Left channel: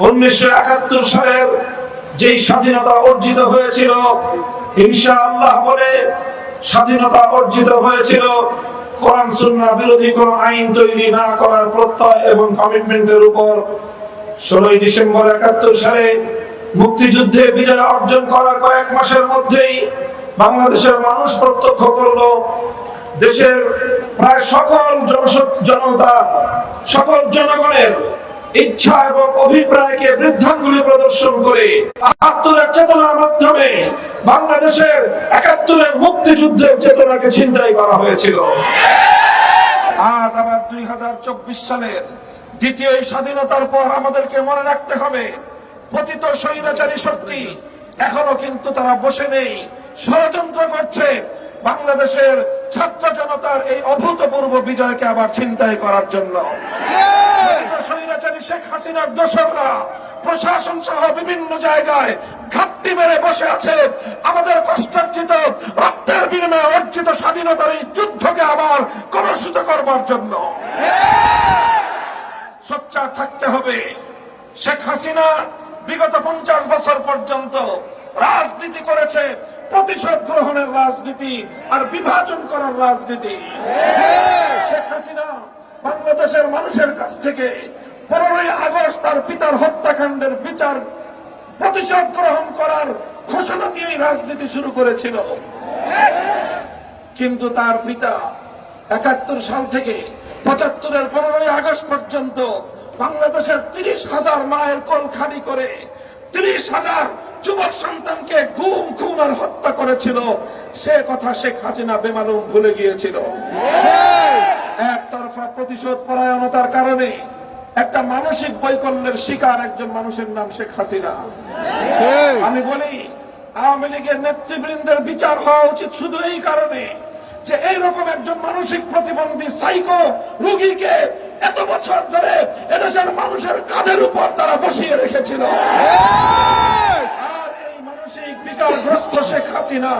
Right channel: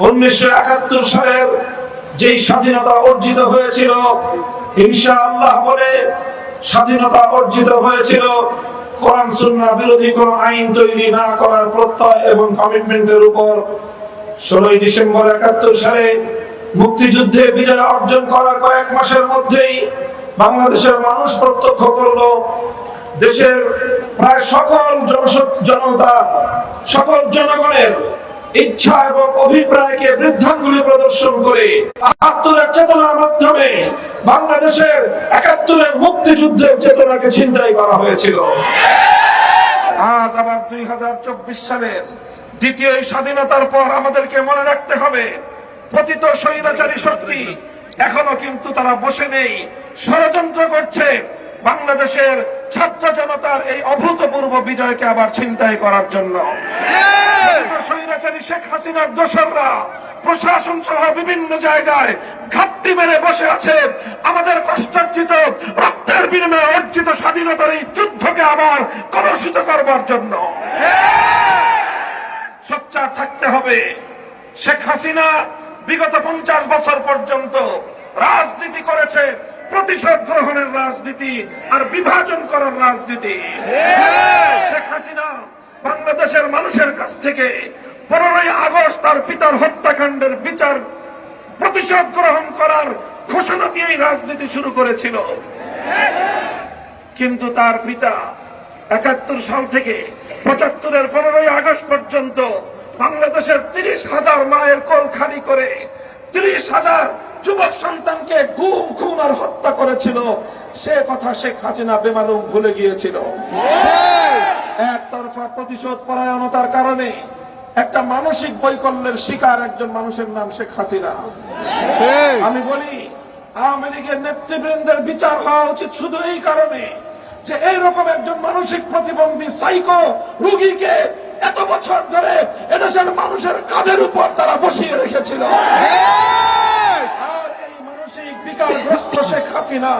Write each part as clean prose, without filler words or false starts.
1971 সালের যেই স্বাধীনতা অর্জিত হয়েছিল, ইনশাআল্লাহ বলে স্বাধীনতা অর্জিত হয়েছিল কোরআন সুন্নাহ বিরোধী কোন আইন তৈরি না করার প্রত্যয় এবং কমিটমেন্টের উপর। 16 ডিসেম্বর 71 সালে মুক্তিযুদ্ধে বিজয় অর্জন করার কয়েক মাসের মধ্যেই বাংলাদেশের মানুষ প্রত্যক্ষ করলো দেশের প্রায় সকল জনতা, সকল জনগণের ইচ্ছা এবং অভিপ্রায়কে বৃদ্ধাঙ্গুলি প্রদর্শন করে ৭৮-এর চেতনার মাধ্যমে বাংলাদেশের ৭১-এর মুক্তিযুদ্ধের চেতনাকে ছিনতাই করা হয়েছিল। আজ আবার 2024 সালের দ্বিতীয় স্বাধীনতার পর আমাদেরকে মনে রাখতে হবে, পতিত স্বৈরাচারী শক্তি এখনো কিন্তু তারা বসে নেই, ষড়যন্ত্র করছে বাংলাদেশের ছাত্র জনতার এই অভূতপূর্ব বিজয়কে আবার ছিনতাই করার জন্য। স্বৈরাচারী শেখ হাসিনার দোসররা প্রশাসন সহ বিভিন্ন জায়গায় ঘাপটি মেরে বসে আছে আমাদের কষ্টার্জিত রক্তের বিনিময়ে অর্জিত স্বাধীনতার এই যুদ্ধকে আবার কলুষিত করবার জন্য। সোচ্চার থাকতে হবে। শেখ হাসিনা বিগত 50 বছর পর্যন্ত রাজনীতি করেছে প্রতিশোধ গ্রহণের রাজনীতি আর বিভাজন করার রাজনীতি। শেখ হাসিনা বাংলাদেশের মানুষের কাছ থেকে 15ই আগস্ট তার পিতার হত্যাকাণ্ডের বিচার প্রতিশোধ গ্রহণ করার ঘোষণা দিয়েই রাজনীতি শুরু করেছিল। কিন্তু তার পিতা ৭১ সাল থেকে ৭৫-এর 15ই আগস্ট পর্যন্ত বাংলাদেশের 30,000 মায়ের কোল খালি করে 30,000 যুবক সন্তানকে গুম খুন আর হত্যা করেছিল। সে কথা শেখ হাসিনা বেমালুম ভুলে গিয়েছিল। একতরফা প্রতিশোধ পরায়ণতার কারণে একটা মানসিক বৈকল্যের শিকার একজন মানুষের নাম শেখ হাসিনা। আমি বলি, আওয়ামী লীগের নেতৃবৃন্দের বিচার হওয়া উচিত শুধু এই কারণে যে এইরকম একজন মানসিক প্রতিবন্ধী সাইকো রোগীকে এত বছর ধরে এদেশের মানুষের কাঁধের উপর তারা বসিয়ে রেখেছিল। আর এই মানসিক বিকারগ্রস্ত শেখ হাসিনা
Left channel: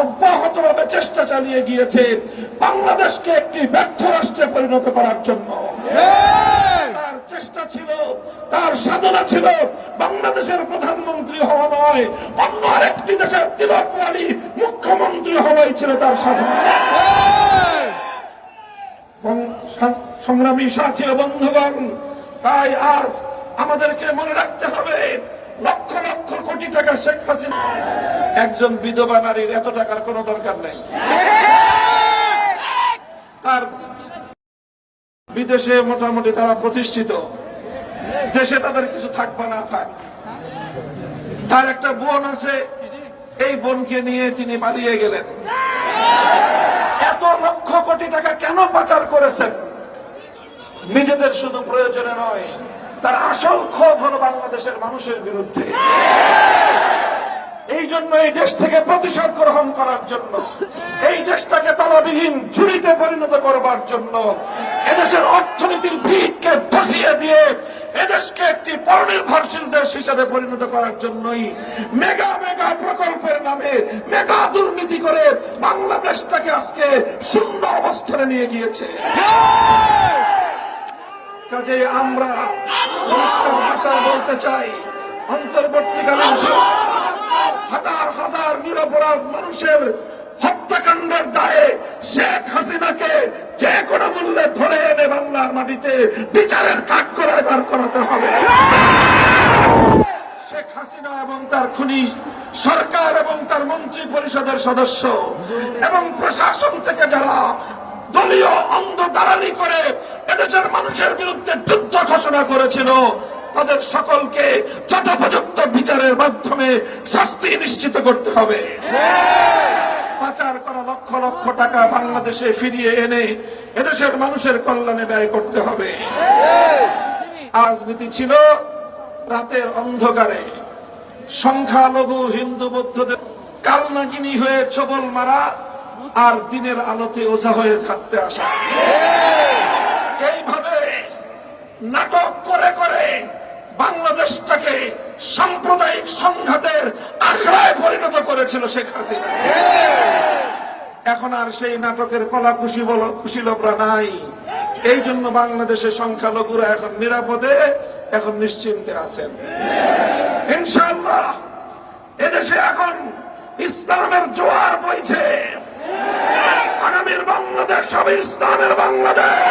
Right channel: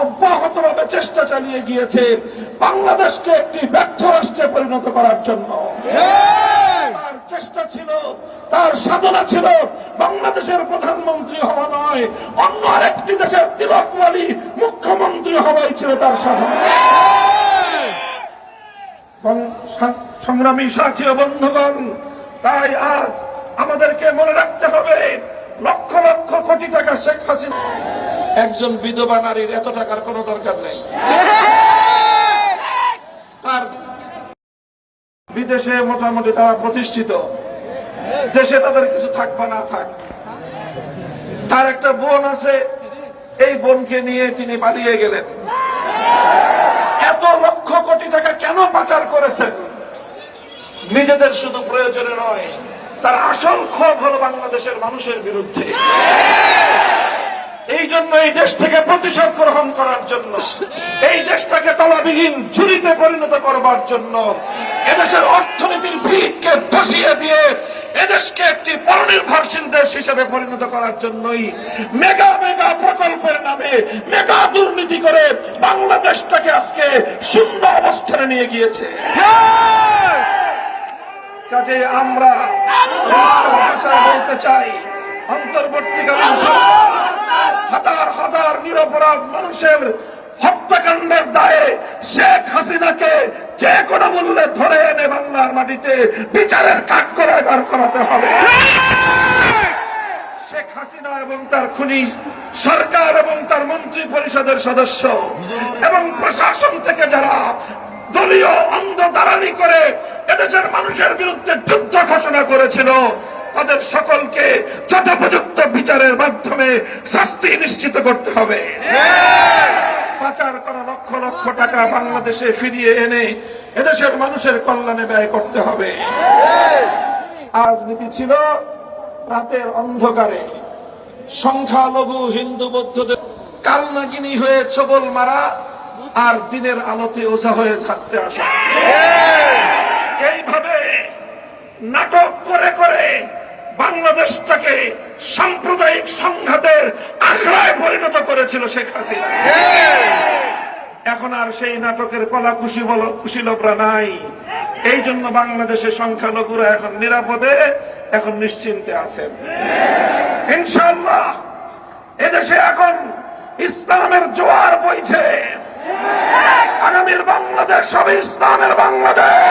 অব্যাহতভাবে চেষ্টা চালিয়ে গিয়েছে বাংলাদেশকে একটি ব্যর্থ রাষ্ট্রে পরিণত করার জন্য। তার চেষ্টা ছিল, তার সাধনা ছিল বাংলাদেশের প্রধানমন্ত্রী হওয়া নয়, অন্য আরেকটি দেশের তিলক রানী মুখ্যমন্ত্রী হওয়াই ছিল তার সাধনা। সংগ্রামী সাথী ও বন্ধুগণ, তাই আজ আমাদেরকে মনে রাখতে হবে, লক্ষ লক্ষ কোটি টাকা শেখ হাসিনা, একজন বিধবা নারীর এত টাকার কোনো দরকার নেই। তার বিদেশে মোটামুটি তারা প্রতিষ্ঠিত, দেশে তাদের কিছু থাকবে না থাক। তার একটা বোন আছে, এই বোনকে নিয়ে তিনি পালিয়ে গেলেন। এত লক্ষ কোটি টাকা কেন পাচার করেছেন? নিজেদের শুধু প্রয়োজনে নয়, তার আসল ক্ষোভ হল বাংলাদেশের মানুষের বিরুদ্ধে। এই জন্য এই দেশ থেকে প্রতিশোধ গ্রহণ করার জন্য, এই দেশটাকে তলাবিহীন ঝুড়িতে পরিণত করবার জন্য, এদেশের অর্থনীতির ভিতকে ধসিয়ে দিয়ে এদেশকে একটি পরনির্ভরশীল দেশ হিসেবে পরিণত করার জন্যই মেগা মেগা প্রকল্পের নামে মেগা দুর্নীতি করে বাংলাদেশটাকে আজকে শূন্য অবস্থানে নিয়ে গিয়েছে। কাজে আমরা ভাষায় বলতে চাই, অন্তর্বর্তীকালীন হাজার হাজার নিরপরাধ মানুষের হত্যাকাণ্ডের দায়ে শেখ হাসিনাকে যে কোনো মূল্যে ধরে এনে বাংলার মাটিতে বিচারের কাঠ করে দাঁড় করাতে হবে। শেখ হাসিনা এবং তার খুনি সরকার এবং তার মন্ত্রী পরিষদের সদস্য এবং প্রশাসন থেকে যারা দলীয় অন্ধ দালালি করে এদেশের মানুষের বিরুদ্ধে যুদ্ধ ঘোষণা করেছিল, তাদের সকলকে যথোপযুক্ত বিচারের মাধ্যমে শাস্তি নিশ্চিত করতে হবে। পাচার করা লক্ষ লক্ষ টাকা বাংলাদেশে ফিরিয়ে এনে এদেশের মানুষের কল্যাণে ব্যয় করতে হবে। রাজনীতি ছিল রাতের অন্ধকারে সংখ্যালঘু হিন্দু বৌদ্ধদের কালনাগিনী হয়ে ছবল মারা আর দিনের আলোতে ওঝা হয়ে ঝাড়তে আসা। এইভাবে নাটক করে করে বাংলাদেশটাকে সাম্প্রদায়িক সংঘাতের আখড়ায় পরিণত করেছিল শেখ হাসিনা। এখন আর সেই নাটকের কোলা খুশিলভরা নাই। এই জন্য বাংলাদেশের সংখ্যালঘুরা এখন নিরাপদে, এখন নিশ্চিন্তে আছেন। ইনশাআল্লাহ এদেশে এখন ইসলামের জোয়ার বইছে। আগামীর বাংলাদেশ হবে ইসলামের বাংলাদেশ,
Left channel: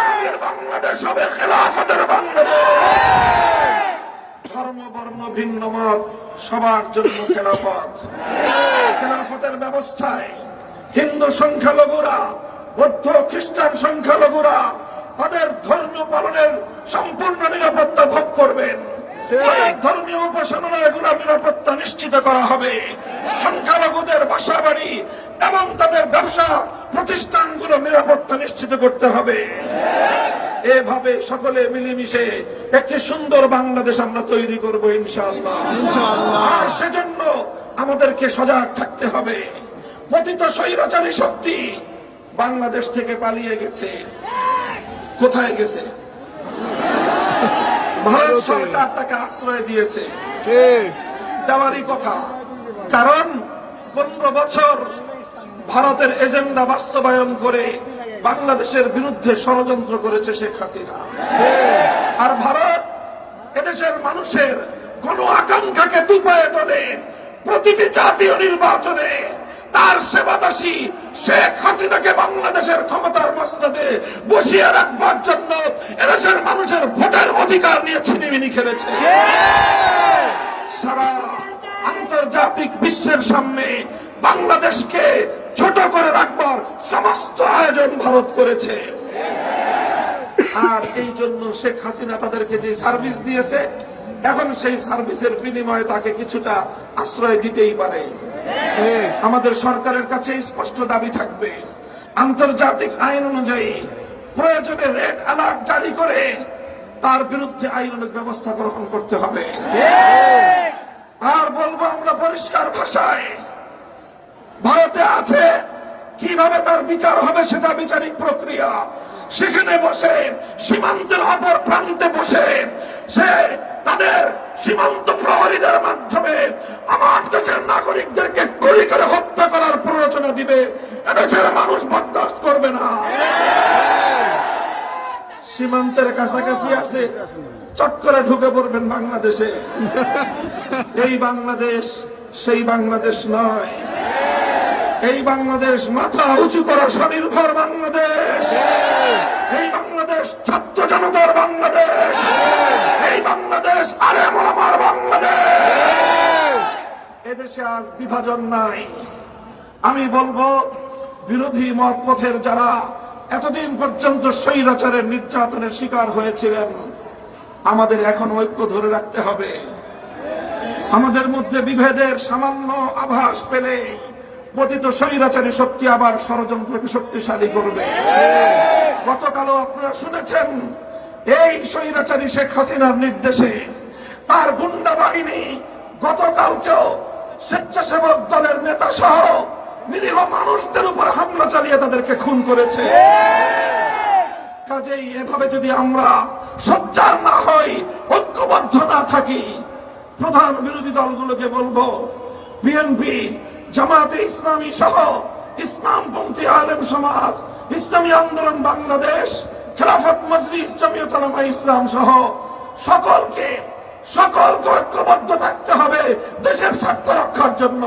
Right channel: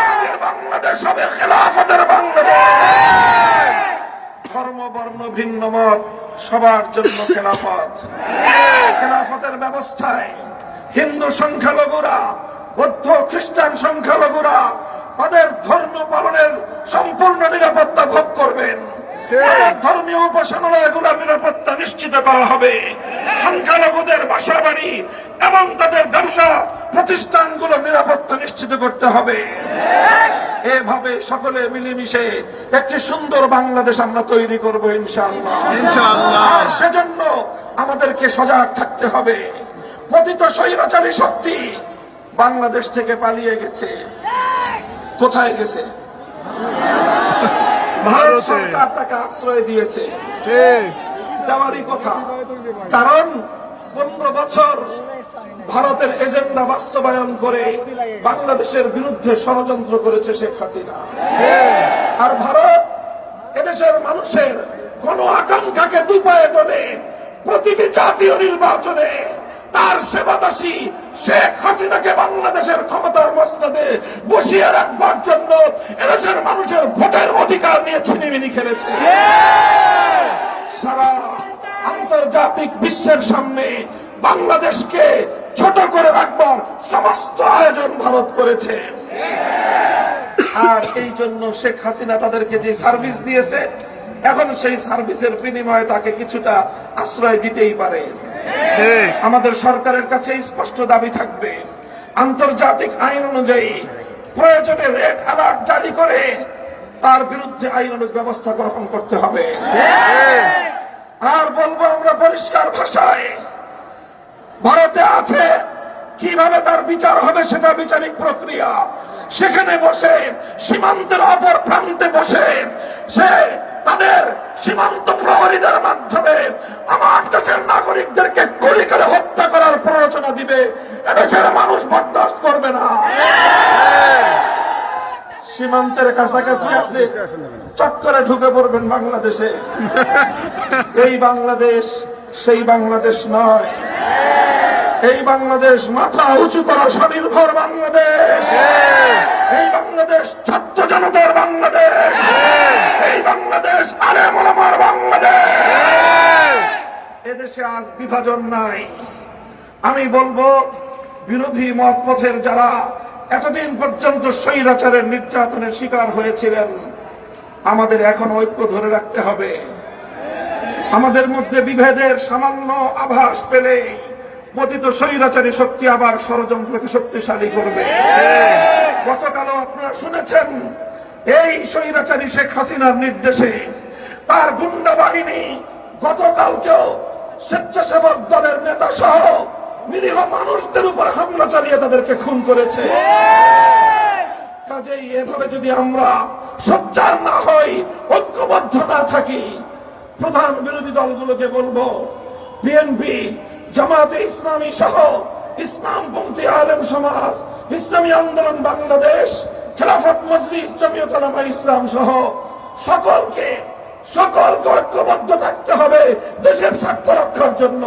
আগামীর বাংলাদেশ হবে খেলাফতের বাংলাদেশ। ধর্ম বর্ণ ভিন্ন মত সবার জন্য খেলাফত। খেলাফতের ব্যবস্থায় হিন্দু সংখ্যালঘুরা, বৌদ্ধ খ্রিস্টান সংখ্যালঘুরা তাদের ধর্ম পালনের সম্পূর্ণ নিরাপত্তা ভোগ করবেন। ধর্মীয় উপাসনালয়গুলোর নিরাপত্তা নিশ্চিত করা হবে। সংখ্যালঘুদের বাসা বাড়ি এবং তাদের ব্যবসা প্রতিষ্ঠানগুলোর নিরাপত্তা নিশ্চিত করতে হবে। এভাবে সকলে মিলেমিশে একটি সুন্দর বাংলাদেশ আমরা তৈরি করব ইনশাআল্লাহ। আর সেজন্য আমাদেরকে সজাগ থাকতে হবে। পতিত স্বৈরাচারী শক্তি বাংলাদেশ থেকে পালিয়ে গেছে। কোথায় গেছে? ভারত সরকার তাকে আশ্রয় দিয়েছে। দেওয়ারই কথা, কারণ 15 বছর ভারতের এজেন্ডা বাস্তবায়ন করে বাংলাদেশের বিরুদ্ধে ষড়যন্ত্র করেছে শেখ হাসিনা। আর ভারত এদেশের মানুষের কোন আকাঙ্ক্ষাকে দুপায়ে তোলে প্রতিটি জাতীয় নির্বাচনে তার সেবাদাসী শেখ হাসিনাকে বাংলাদেশের ক্ষমতার মসনদে বসিয়ে রাখবার জন্য এদেশের মানুষের ভোটের অধিকার নিয়ে ছিনিমিনি খেলেছে। সারা আন্তর্জাতিক বিশ্বের সামনে বাংলাদেশকে ছোট করে রাখবার সমস্ত আয়োজন ভারত করেছে। আর এই জন্য শেখ হাসিনা তাদেরকে যে সার্ভিস দিয়েছে, এখন সেই সার্ভিসের বিনিময়ে তাকে কিছুটা আশ্রয় দিতেই পারে। আমাদের সরকারের কাছে স্পষ্ট দাবি থাকবে, আন্তর্জাতিক আইন অনুযায়ী প্রয়োজনে রেড অ্যালার্ট জারি করে তার বিরুদ্ধে আইনানুগ ব্যবস্থা গ্রহণ করতে হবে। আর বলবো আমরা পরিষ্কার ভাষায়, ভারতে আছে কিভাবে তার বিচার হবে সেটা বিচারিক প্রক্রিয়া। সেখানে বসে সীমান্তের অপর প্রান্তে বসে সে তাদের সীমান্ত প্রহরীদের মাধ্যমে আমার দেশের নাগরিকদেরকে গুলি করে হত্যা করার প্ররোচনা দিবে। এদেশের মানুষ বরদাস্ত করবে না। সীমান্তের কাছাকাছি আছে, চট করে ঢুকে পড়বেন বাংলাদেশে। এই বাংলাদেশ সেই বাংলাদেশ নয়। এই বাংলাদেশ মাথা উঁচু করা স্বনির্ভর বাংলাদেশ। এই বাংলাদেশ ছাত্র জনতার বাংলাদেশ। এই বাংলাদেশ আলেম ওলামার বাংলাদেশ। এদেশে আজ বিভাজন নাই। আমি বলবো, বিরোধী মত পথের যারা এতদিন পর্যন্ত স্বৈরাচারের নির্যাতনের শিকার হয়েছিলেন, আমাদের এখন ঐক্য ধরে রাখতে হবে। আমাদের মধ্যে বিভেদের সামান্য আভাস পেলে পতিত স্বৈরাচারী শক্তি আবার ষড়যন্ত্রকে শক্তিশালী করবে। গতকালও আপনারা শুনেছেন, এই স্বৈরাচারী শেখ হাসিনার নির্দেশে তার গুন্ডা বাহিনী গতকালকেও স্বেচ্ছাসেবক দলের নেতা সহ নিরীহ মানুষদের উপর হামলা চালিয়ে তাদেরকে খুন করেছে। কাজেই এভাবে যদি আমরা সোচ্চার না হই, ঐক্যবদ্ধ না থাকি, প্রধান বিরোধী দলগুলোকে বলবো, বিএনপি, জামায়াতে ইসলামী সহ ইসলামপন্থী আলেম সমাজ, ইসলামী আন্দোলন বাংলাদেশ, খেলাফত মজলিস, জমিয়ত উলামা ইসলাম সহ সকলকে ঐক্যবদ্ধ থাকতে হবে দেশের স্বার্থ রক্ষার জন্য।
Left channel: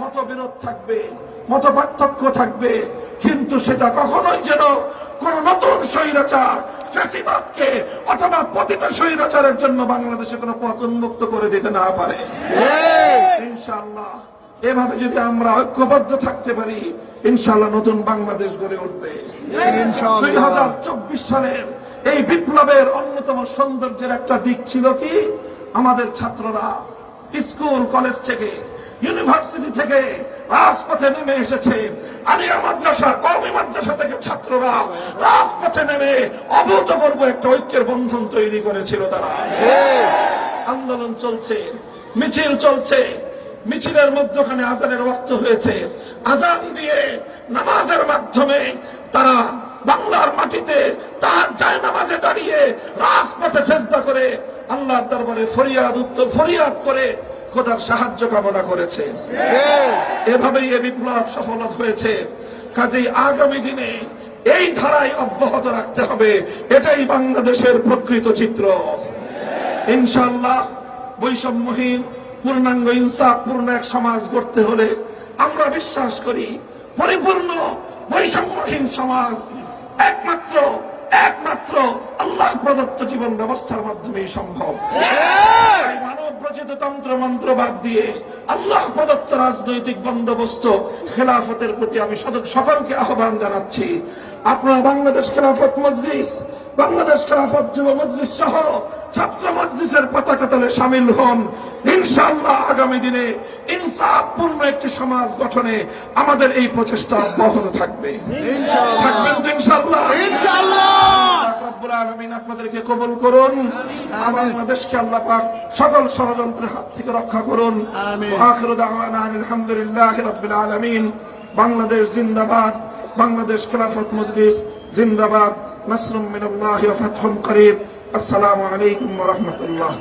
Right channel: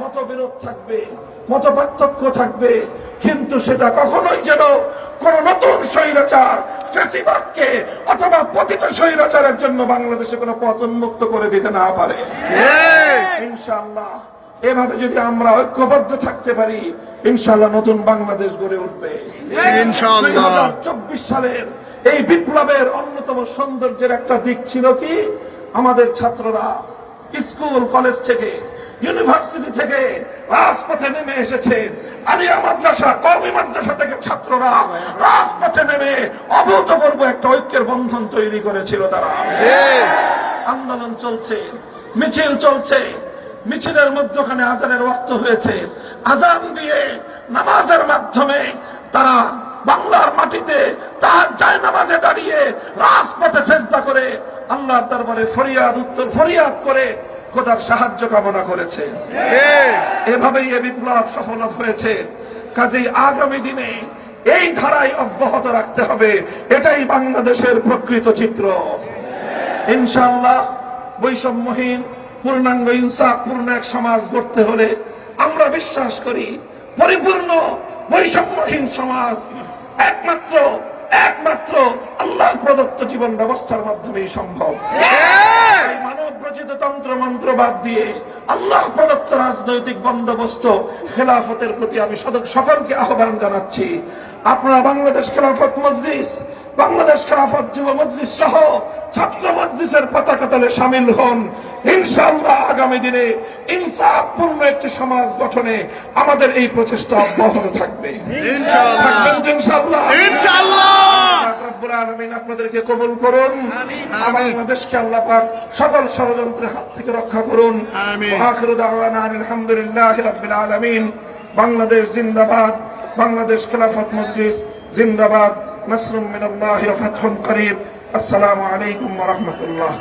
মতবিরোধ থাকবে, মত পার্থক্য থাকবে, কিন্তু সেটা কখনোই যেন কোন নতুন স্বৈরাচার, ফ্যাসিবাদকে অথবা পতিত স্বৈরাচারের জন্য বাংলাদেশে কোনো পথ উন্মুক্ত করে দিতে না পারে। ইনশাআল্লাহ এভাবে যদি আমরা ঐক্যবদ্ধ থাকতে পারি, ইনশাআল্লাহ নতুন বাংলাদেশ গড়ে উঠবে। ইনশাআল্লাহ 2024 সালের এই বিপ্লবের অন্যতম সৌন্দর্যের একটা দিক ছিল কি, আমাদের ছাত্ররা স্কুল কলেজ থেকে, ইউনিভার্সিটি থেকে রাজপথে নেমে এসেছে। আলিয়া মাদ্রাসা, কওমি মাদ্রাসা থেকে ছাত্ররা রাজপথে নেমে অভূতপূর্ব একটা ঐক্যের বন্ধন তৈরি করেছিল। তারা আন্দোলন চলছে, মিছিল চলছে, মিছিলের মধ্যখানে আজানের ওয়াক্ত হয়েছে। আজান দিয়ে নামাজের মাধ্যমে তারা বাংলার মাটিতে তার যায় নামাজে দাঁড়িয়ে রাজপথে সেজদা করে আল্লাহর দরবারে ফরিয়াদ করে খোদার সাহায্য কামনা করেছে। এভাবেই এ বিপ্লব সফল হয়েছে। কাজেই আগামী দিনে এই ধারায় অব্যাহত রাখতে হবে। এটাই বাংলাদেশের প্রকৃত চিত্র। ইনশাআল্লাহ বৈষম্যহীন পূর্ণাঙ্গ ইনসাফপূর্ণ এক সমাজ গড়তে হলে আমরা বিশ্বাস করি পরিপূর্ণ বৈষম্যহীন সমাজ একমাত্র আল্লাহ প্রদত্ত জীবন ব্যবস্থার মাধ্যমেই সম্ভব। মানব রচিত তন্ত্র মন্ত্র বাদ দিয়ে আল্লাহ প্রদত্ত রাজনৈতিক বন্দোবস্ত খেলাফতের প্রতি আমি সকলকে আহ্বান জানাচ্ছি। আপনারা বাংলাদেশ খেলাফত মজলিস, বাংলাদেশ খেলাফত যুব মজলিস সহ ছাত্র মজলিসের পতাকা তলে শামিল হন। ইনশাআল্লাহ আগামী দিনে ইনসাফপূর্ণ একটি সমাজ গঠনে আমাদের এই প্রচেষ্টা অব্যাহত থাকবে। আপনাদেরকে কবুল করুন। বাংলাদেশকে আল্লাহ পাক সকল ষড়যন্ত্রের হাত থেকে রক্ষা করুন। আখিরু দাওয়ানা আলহামদুলিল্লাহি রাব্বিল আলামিন। বাংলাদেশ জিন্দাবাদ, বাংলাদেশ খেলাফত মজলিস জিন্দাবাদ। নাসরুম মিনাল্লাহি ওয়া ফাতহুন করিব। আসসালামু আলাইকুম ওয়া রাহমাতুল্লাহ।